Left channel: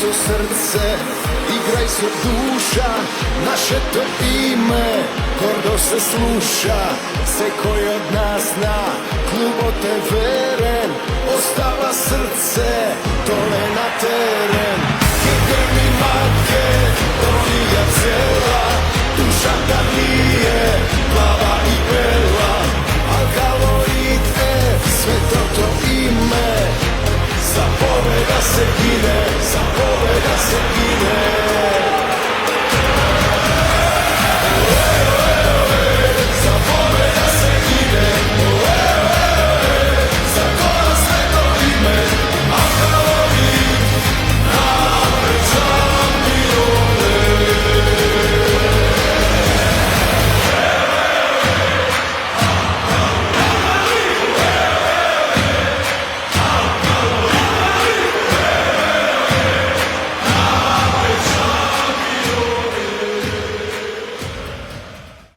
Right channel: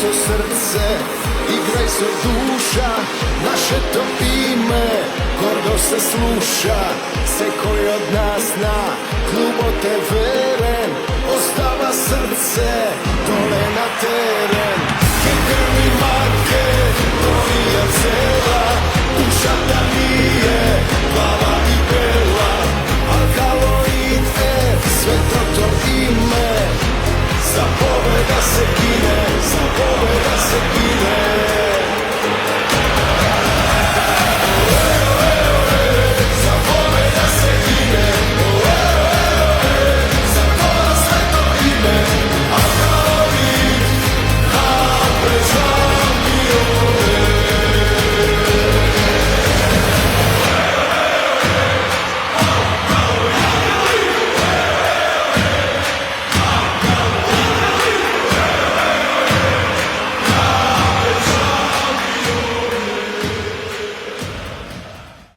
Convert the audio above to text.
so srce, igraj so duša, naše to ime gordo se sluša. Se koji od nas na klubo te veren, ostava srce dole na teren. Ke grmi Makedonija cela, duša ta nije plava i bela. Alkaloid F, sve to ime, za pobeda se gine, za pobeda se gine.